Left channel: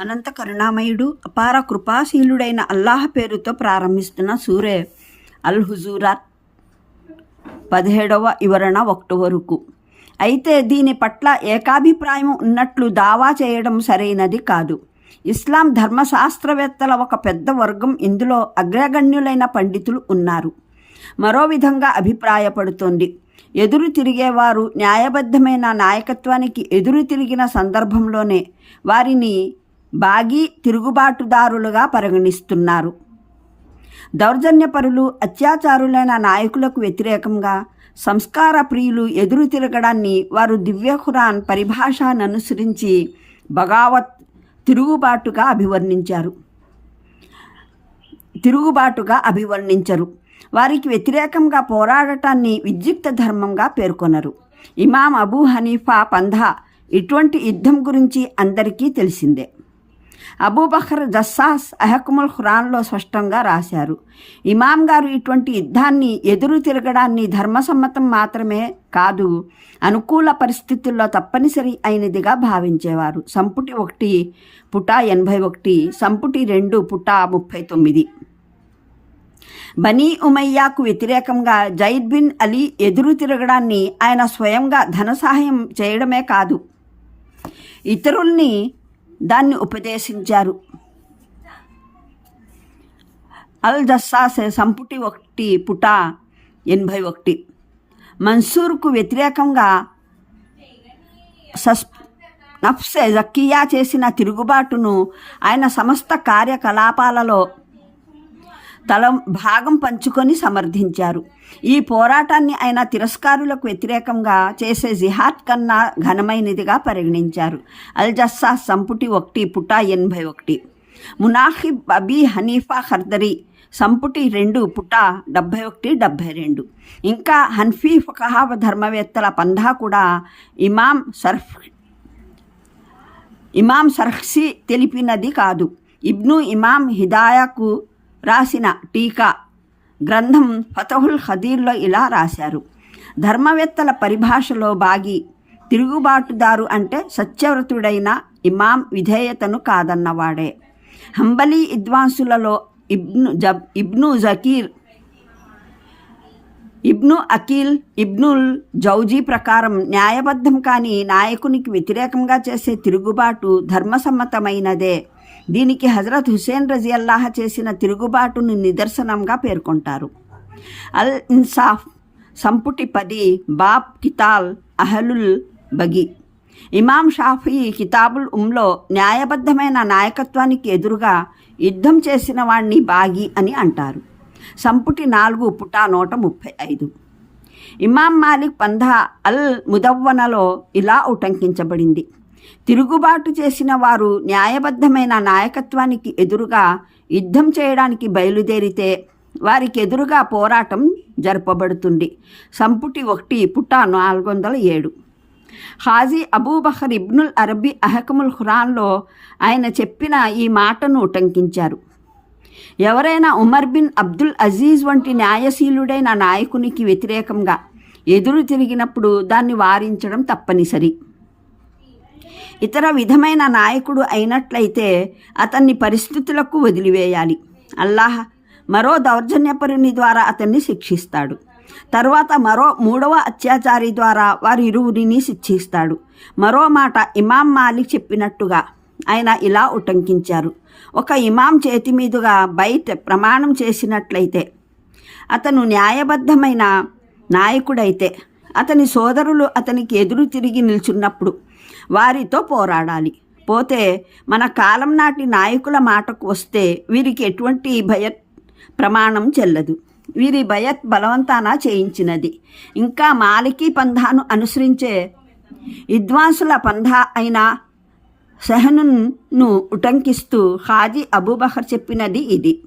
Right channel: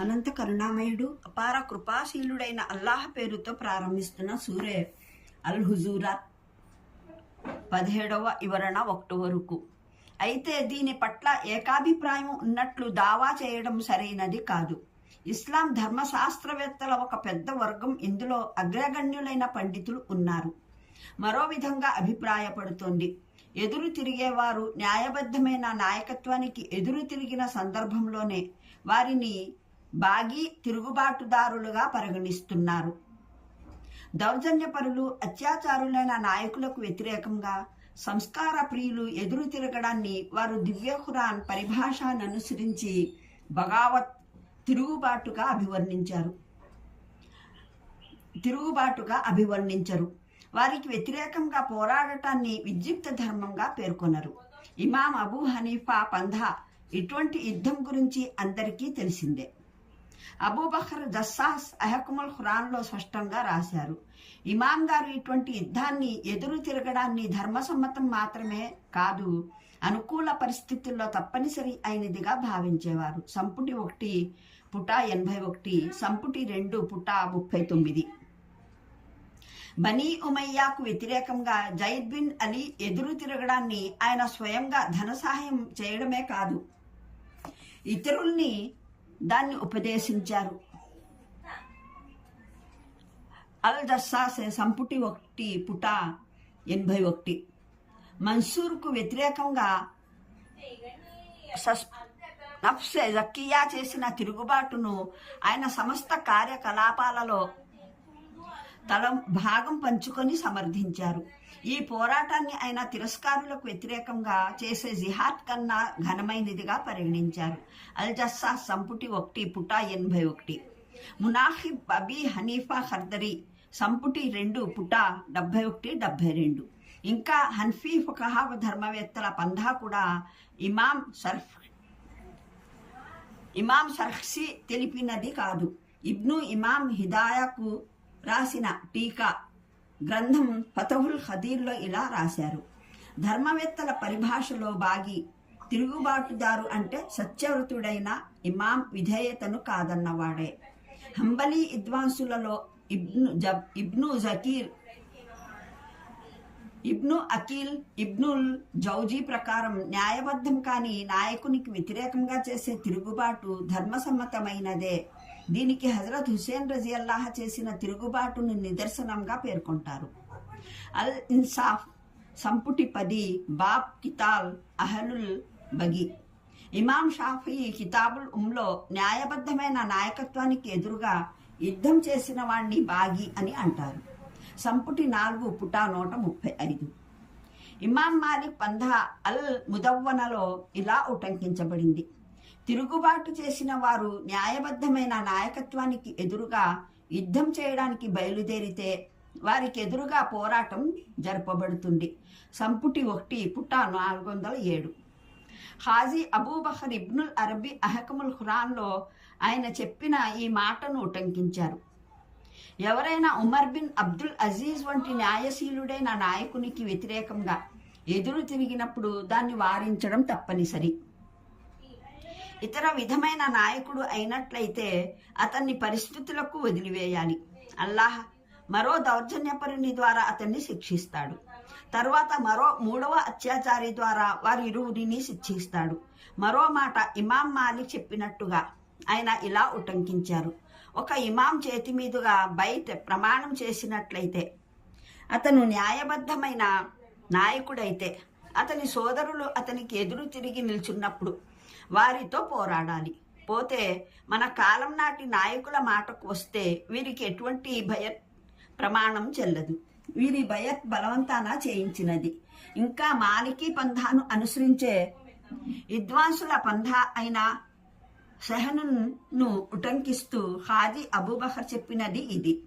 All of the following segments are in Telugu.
అనంత కరుణామయుడు అపార కృపాశీలుడైన అల్లాహ్ పేరుతో ప్రారంభిస్తున్న సూరే అల్ హుజూరాత్ పదిహేడవ వివరణ ఒకటి వరకు. అయితే దీని పట్ల ఏకాభిప్రాయం ఉన్నట్లు దావా చేయడం సరైనది కాదు. ఇస్లాం ధర్మశాస్త్రవేత్తల ఒక పెద్ద వర్గం ఇందులో అగ్రగణ్యులైన పండితులు ఉన్నారు. మరో విధంగా అభిప్రాయపడుతోంది. ఎదురు తిరిగేవారు న్యాయబద్ధమైన నాయకత్వానికి ఎదురు తిరిగిన సందర్భంలోనే వారిని బాగీ తిరుగుబాటుదారులుగా పరిగణిస్తున్నారు. దౌర్జన్యపరులు అత్యాచారులైన నాయకులకు వ్యతిరేకంగా సంస్కార ప్రియులు ఎదురు తిరగడాన్ని వారు దివ్య ఖురాన్ పరిభాషను అనుసరించి బగావత్ తిరుగుబాటుగా అభివర్ణించారు. తిరుగుబాటుగా అభివర్ణించరు. వారికి వ్యతిరేకంగా పోరాడటాన్ని విద్యుక్త ధర్మంగా పేర్కొనరు. ఇమాం అబూ హనీఫా పంధా ఇటువంటి యుద్ధం గురించి అందరికీ తెలిసిందే. అబూబకర్ జస్సాస్ అహకుముల్ ఖురాన్లో స్పష్టంగా రాశారు. ఇమాం గారు ఇటువంటి యుద్ధాన్ని ఎదురు తిరగడాన్ని ధర్మసమ్మతం మాత్రమే కాదు అనుకూల పరిస్థితుల్లో తప్పనిసరి అయినదిగా భావించేవారు. సంపుటి ఒకటి పుట ఎనభై ఒకటి సంపుటి రెండు పుట ముప్పై తొమ్మిది. బనీ ఉమయ్యాకు వ్యతిరేకంగా జైద్ బిన్ అలీ ఎదురు తిరగడాన్ని ఆయన స్వయంగా ధన సహాయం చేయడమే కాదు. ఇతరుల్ని దాన్ని ఉపదేశించారు. అల్ జస్సాస్ సంపుటి ఒకటి పుట ఎనభై ఒకటి. మన్సూర్కు వ్యతిరేకంగా సస్ నఫ్సే జక్కియా చేసిన తిరుగుబాటును ఆయన సమస్త కార్యకలాపాలలో తల భాగం పంచుకొని సమర్థించారు. ఈ పోరాటాన్ని ఆయన తిరస్కారులకు వ్యతిరేకంగా చేసే జిహాద్ కన్నా ఘనమైనదిగా పరిగణించారు. అల్ జస్సా సంపుటి ఒకటి పుట ఎనభై ఒకటి. మునాహిబ్ అబీ హనీఫా ఖర్దరి సంపుటి రెండు పుట డెబ్భై ఒకటి డెబ్భై రెండు. ఇంకా హన్ఫీ ఫకహావ ధర్మవేత్తల పంధా కూడా ఇమాం సర్ఫ్ ఇమాం సర్హ్సి తెలిపినది కాదు. ఇబ్ను ఇమాం హిదాయాకు రాసిన టీకా గ్రంథం ఫతహుల్ హదీర్లో ఇలా రాశారు. ధర్మవేత్తల పరిభాషలో బాగి తిరుగుబాటుదారు అంటే సత్యవ్రతుడైన ఇమాం విధేయతను కాదన్నవాడే. Hanbali విద్వాంసులలో Ibn Rajab Ibn Zakir Ibn Aqil Ibn al Jawzi ప్రకారం న్యాయబద్ధం కాని నాయకునికి వ్యతిరేకంగా చేసే తిరుగుబాటు ధర్మసమ్మతమైనదే. దీనికి హజరత్ హుసేన్ రజియల్లాహ చేసిన తిరుగుబాటును నిదర్శనంగా పేర్కొంటారు. అల్ ఇన్సాఫ్ సంపుటి పది బాబ్ కితాల్ అహలుల్ బగి. ఇమాం షాఫీ కితాబుల్ ఉమ్లో న్యాయబద్ధమైన నాయకత్వానికి ఎదురుగా యుద్ధం చేసిన వాణ్ణి బాగి అని అంటారు. సంపుటి నాలుగు పుటా నూట ముప్పై ఐదు. ఇమాం మాలిక్ పంధా అల్ ముదవ్వనలో ఇలా ఉటంకించబడింది. తిరుగుబాటు చేసిన వారు న్యాయబద్ధమైన నాయకత్వానికి ఎదురుగా యుద్ధం చేయడానికి బయలుదేరితే వారికి ఎదురుగా పోరాటం జరపబడుతుంది. సంపుటి ఒకటి పుట్ట నాలుగు వందల ఏడు. హాజీ అబూబహర్ ఇబ్నుల్ అరబీ అహకముల్ ఖురాన్లో ఆయన చెప్పిన ఈ మాటను ఉటంకించారు. ఎవరైనా ఉమర్ బిన్ అబ్దుల్ అజీజ్ వంటి న్యాయశీలుడైన నాయకునికి వ్యతిరేకంగా ఎదురు తిరిగినప్పుడు దాన్ని వారించడం తప్పనిసరి. ఇతర విధమైన నాయకుడు అయినట్లయితే అతన్ని పరిస్థితులకు వదిలివేయాలి. అల్లాహ్ మరో దౌర్జన్యపరుని ద్వారా అతన్ని శిక్షిస్తాడు. తరువాత మరో మూడవ అత్యాచారి ద్వారా వారి ఇరువురిని శిక్షిస్తాడు. మరో మాట ఇమాం మాలిక్ చెప్పినట్టుగా ఆయన ఇలా ఉటంకించారు. ఒక ఇమాం చేతి మీదుగా బయట ప్రమాణం చేసినట్లయితే అతను న్యాయబద్ధమైన నాయకుడైతే అతని సోదరులు అతనికి ఎదురు తిరిగి నిల్చున్నప్పుడు వారితో పోరాడాలి. పోతే మన కాలం నాటి నాయకుల మాటకు వస్తే వీరికి ఎటువంటి భయ ప్రమాణం చెల్లదు. వీరి భయత్ బలవంతాన చేయించినది. ఇంకా మాలికీ పంధాను అనుసరించే విద్వాంసుల పంధా అయిన సెహనును ఉటంకిస్తూ హాజీ అబూబహర్ చెప్పినది ఇది.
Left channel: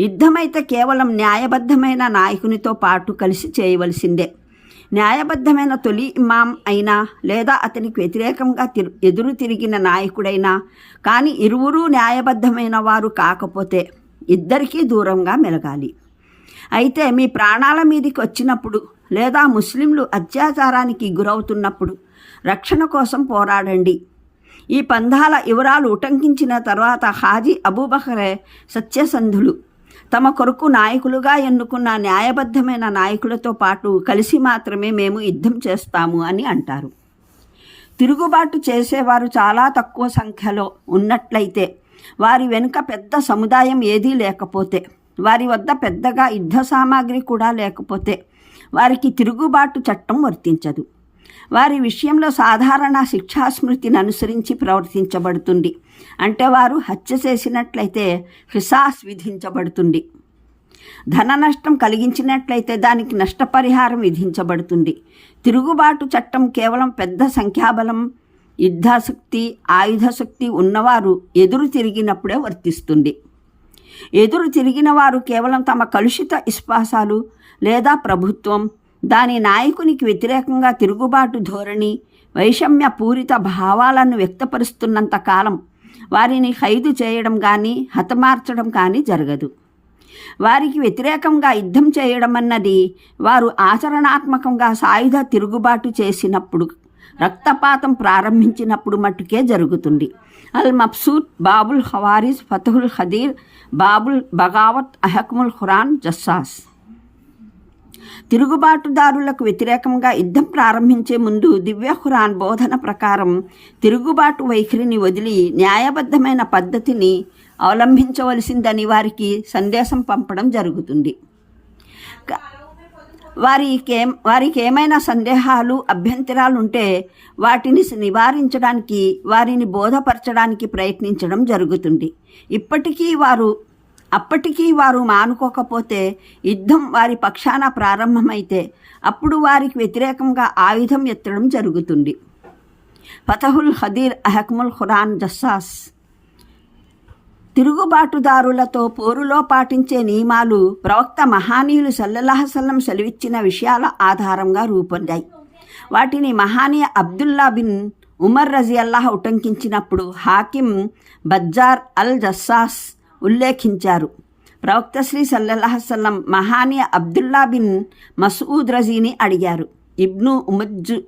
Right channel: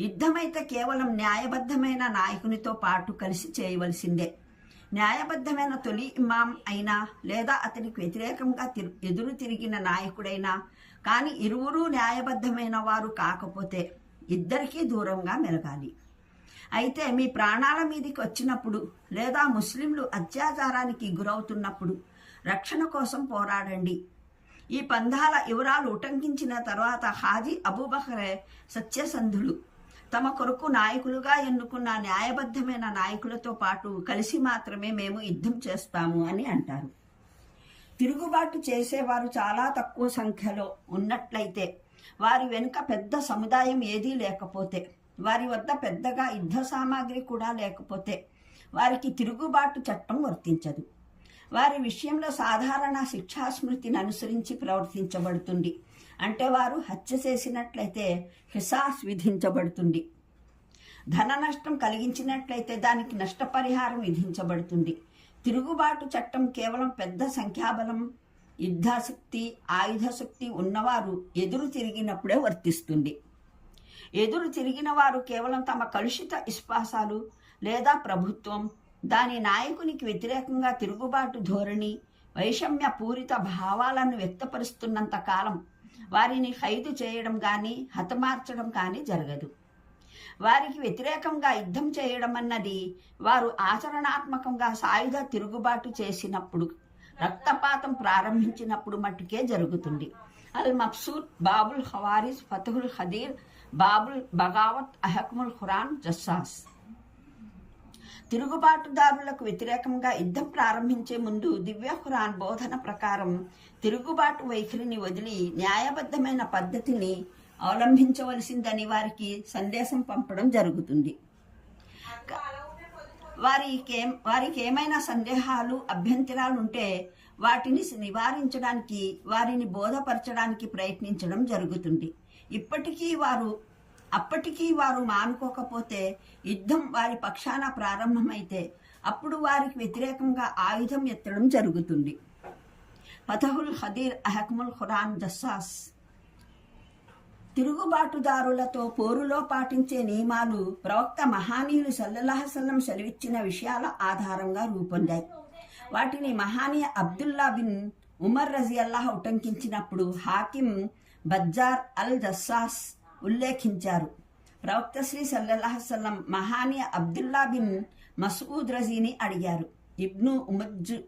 యుద్ధమైతే కేవలం న్యాయబద్ధమైన నాయకునితో పాటు కలిసి చేయవలసిందే. న్యాయబద్ధమైన తొలి ఇమాం అయినా లేదా అతనికి వ్యతిరేకంగా తిరు ఎదురు తిరిగిన నాయకుడైనా కానీ ఇరువురూ న్యాయబద్ధమైన వారు కాకపోతే ఇద్దరికీ దూరంగా మెలగాలి. అయితే మీ ప్రాణాల మీదకి వచ్చినప్పుడు లేదా ముస్లింలు అత్యాచారానికి గురవుతున్నప్పుడు రక్షణ కోసం పోరాడండి. ఈ పంధాల వివరాలు ఉటంకించిన తర్వాత హాజీ అబూబహరే సత్యసంధులు తమ కొరకు నాయకులుగా ఎన్నుకున్న న్యాయబద్ధమైన నాయకులతో పాటు కలిసి మాత్రమే మేము యుద్ధం చేస్తాము అని అంటారు. తిరుగుబాటు చేసేవారు చాలా తక్కువ సంఖ్యలో ఉన్నట్లయితే వారి వెనుక పెద్ద సముదాయం ఏదీ లేకపోతే వారి వద్ద పెద్దగా యుద్ధ సామాగ్రి కూడా లేకపోతే వారికి తిరుగుబాటు చట్టం వర్తించదు. వారి విషయంలో సాధారణ శిక్షాస్మృతిని అనుసరించి ప్రవర్తించబడుతుంది. అంటే వారు హత్య చేసినట్లయితే హిసాస్ విధించబడుతుంది. ధన నష్టం కలిగించినట్లయితే దానికి నష్టపరిహారం విధించబడుతుంది. తిరుగుబాటు చట్టం కేవలం పెద్ద సంఖ్యాబలం యుద్ధాశక్తి ఆయుధశక్తి ఉన్నవారు ఎదురు తిరిగినప్పుడే వర్తిస్తుంది. ఎదురు తిరిగిన వారు కేవలం తమ కలుషిత విశ్వాసాలు లేదా ప్రభుత్వం దాని నాయకునికి వ్యతిరేకంగా తిరుగుబాటు ధోరణి వైషమ్య పూరిత భావాలను వ్యక్తపరుస్తున్నంత కాలం వారిని ఖైదు చేయడం కానీ హతమార్చడం కానీ జరగదు. వారికి వ్యతిరేకంగా యుద్ధం చేయడం అన్నది వారు ఆచరణాత్మకంగా సాయుధ తిరుగుబాటు చేసినప్పుడు రక్తపాతం ప్రారంభించినప్పుడు మట్టుకే జరుగుతుంది. అల్ మబ్సూద్ బాబుల్ హవారిస్ ఫతహుల్ ఖదీర్ బాబుల్ బగావత్ అహక్ముల్ ఖురాన్ జస్సాస్. తిరుగుబాటుదారులకు వ్యతిరేకంగా యుద్ధం ప్రారంభించే ముందు దివ్యహురాన్ బోధన ప్రకారం తిరుగుబాటు వైఖరిని వదిలి న్యాయబద్ధమైన పద్ధతిని అవలంబించవలసిందని వారికి సందేశం పంపడం జరుగుతుంది. వారికేం వారికి వారికి ఏమైనా సందేహాలు అభ్యంతరాలు ఉంటే వాటిని నివారించడానికి వారిని బోధపరచడానికి ప్రయత్నించడం జరుగుతుంది. ఇప్పటికీ వారు అప్పటికీ వారు మానుకోకపోతే యుద్ధం వారి పక్షాన ప్రారంభమైతే అప్పుడు వారికి వ్యతిరేకంగా ఆయుధం ఎత్తడం జరుగుతుంది. ఫతహుల్ హదీర్ అహక్ముల్ ఖురాన్ జస్సాస్ తిరుగుబాటుదారులతో పోరులో పాటించే నియమాలు ప్రవక్త మహానీయులు సల్లల్లాహసల్లం సెలవిచ్చిన విషయాల ఆధారంగా రూపొందాయి. వాటిని మహానీయ అబ్దుల్లా బిన్ ఉమర్ రజియల్లాహ ఉటంకించినప్పుడు హాకిం బజ్జార్ అల్ జస్సాస్ ఉల్లేఖించారు. ప్రవక్త శ్రీ సల్లహసల్లం మహానీయ అబ్దుల్లా బిన్ మసూద్ రజీని అడిగారు. ఇబ్ను ఉమజ్జు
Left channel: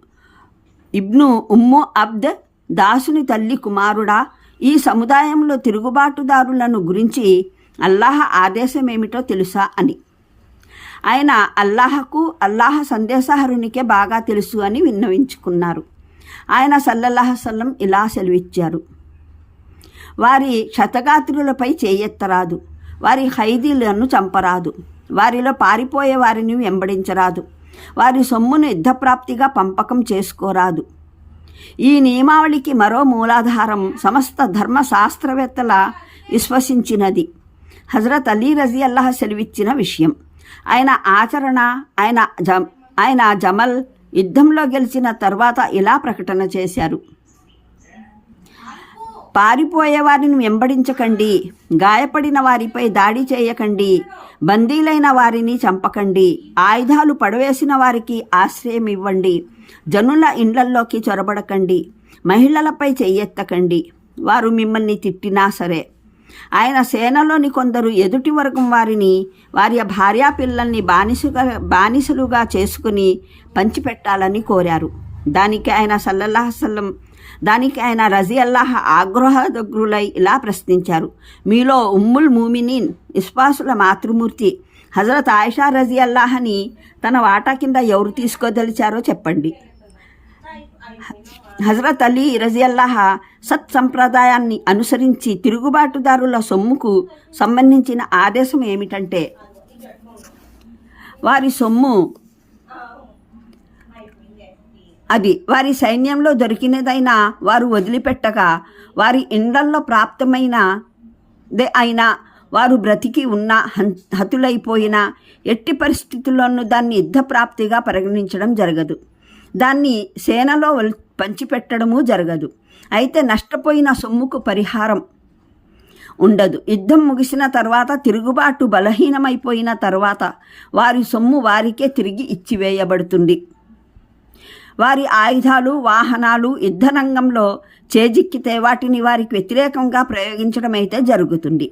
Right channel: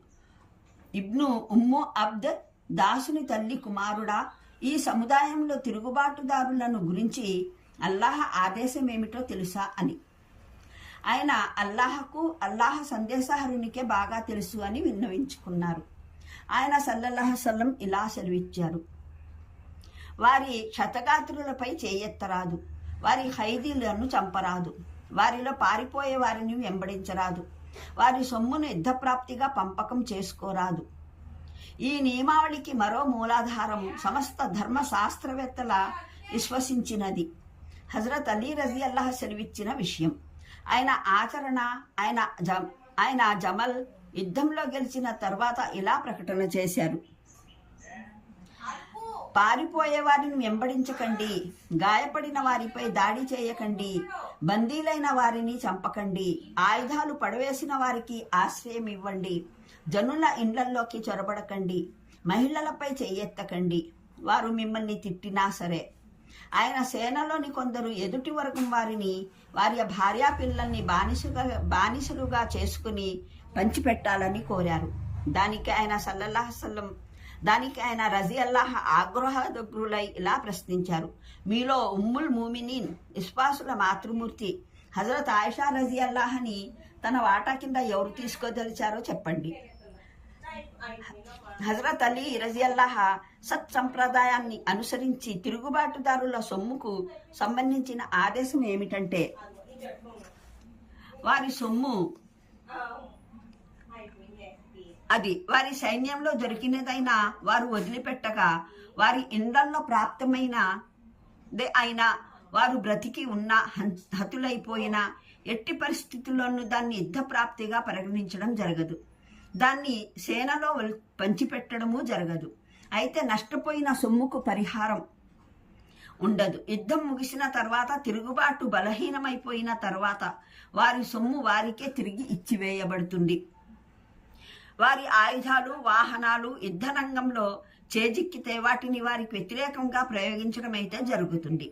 ఇబ్ను ఉమ్ము అబ్ద్ దాసుని తల్లి కుమారుడా ఈ సముదాయంలో తిరుగుబాటుదారులను గురించి అల్లాహ ఆదేశం ఏమిటో తెలుసా అని. ఆయన అల్లాహకు అల్లాహ సందేశహరునికే బాగా తెలుసు అని విన్నవించుకున్నారు. ఆయన సల్లల్లాహసల్లం ఇలా సెలవిచ్చారు. వారి శతగాత్రులపై చేయెత్తరాదు. వారి ఖైదీలను చంపరాదు. వారిలో పారిపోయే వారిని వెంబడించరాదు. వారి సొమ్మును యుద్ధప్రాప్తిగా పంపకం చేసుకోరాదు. ఈ నియమావళికి మరో మూలాధారం సమస్త ధర్మ శాస్త్రవేత్తల విశ్వసించినది. హజరత్ అలీ రజీ అల్లాహ్ సెలవిచ్చిన విషయం. ఆయన ఆచరణ ఆయన జ ఆయన జమల్ యుద్ధంలో గెలిచిన తర్వాత ఇలా ప్రకటన చేశారు. పారిపోయే వారిని వెంబడించకండి. గాయపడిన వారిపై దాడి చేయకండి. బందీలైన వారిని చంపకండి. ఆయుధాలు పడవేసిన వారికి ఆశ్రయం ఇవ్వండి. జనుల ఇండ్లల్లోకి చొరబడకండి. మహిళలపై చెయ్యెత్తకండి. వారు మిమ్మల్ని తిట్టినా సరే. ఆయన సేనలోని కొందరు ఎదుటి వర్గం వారిని వారి భార్యా పిల్లల్ని బానిసగా బానిసలుగా చేసుకుని పంచిపెట్టాలని కోరారు. దానికి ఆయన సల్లల్లాహసల్లం దానికి ఆయన రజీ అల్లాహ్ ఆగ్రహదగ్రులై ఇలా ప్రశ్నించారు. మీలో ఉమ్ముల్ మూమినీన్ ఇస్పాసుల మాతృమూర్తి హజరత్ ఆయిషా రజీ అల్లాహని తన వాటా కింద ఎవరు తీసుకోదలిచారో చెప్పండి. హజరత్ అలీ రజియల్లాహ సత్ సంప్రదాయాన్ని అనుసరించి తిరుగుబాటుదారుల సొమ్ముకు సంబంధించిన ఆదేశం ఏమిటంటే వారి సొమ్ము అది వారి సైన్యంలో దొరికినదైనా వారు వదిలిపెట్టగా వారి ఇండ్లల్లో ప్రాప్తమైన దే అయినా వారు బ్రతికి ఉన్న హతులైపోయిన ఎట్టి పరిస్థితుల్లోనూ దాన్ని యుద్ధప్రాప్తిగా పరిగణించడం జరగదు. దాన్ని సేనలో వల్- పంచిపెట్టడము జరగదు. అయితే నష్టపోయిన సొమ్ముకు పరిహారం ఉండదు. యుద్ధం ముగిసిన తర్వాత తిరుగుబాటు బలహీనమైపోయిన తర్వాత వారి సొమ్ము వారికే తిరిగి ఇచ్చివేయబడుతుంది. వారి ఆయుధాలు వాహనాలు యుద్ధరంగంలో చేజిక్కితే వాటిని వారికి వ్యతిరేకంగా ప్రయోగించడమైతే జరుగుతుంది.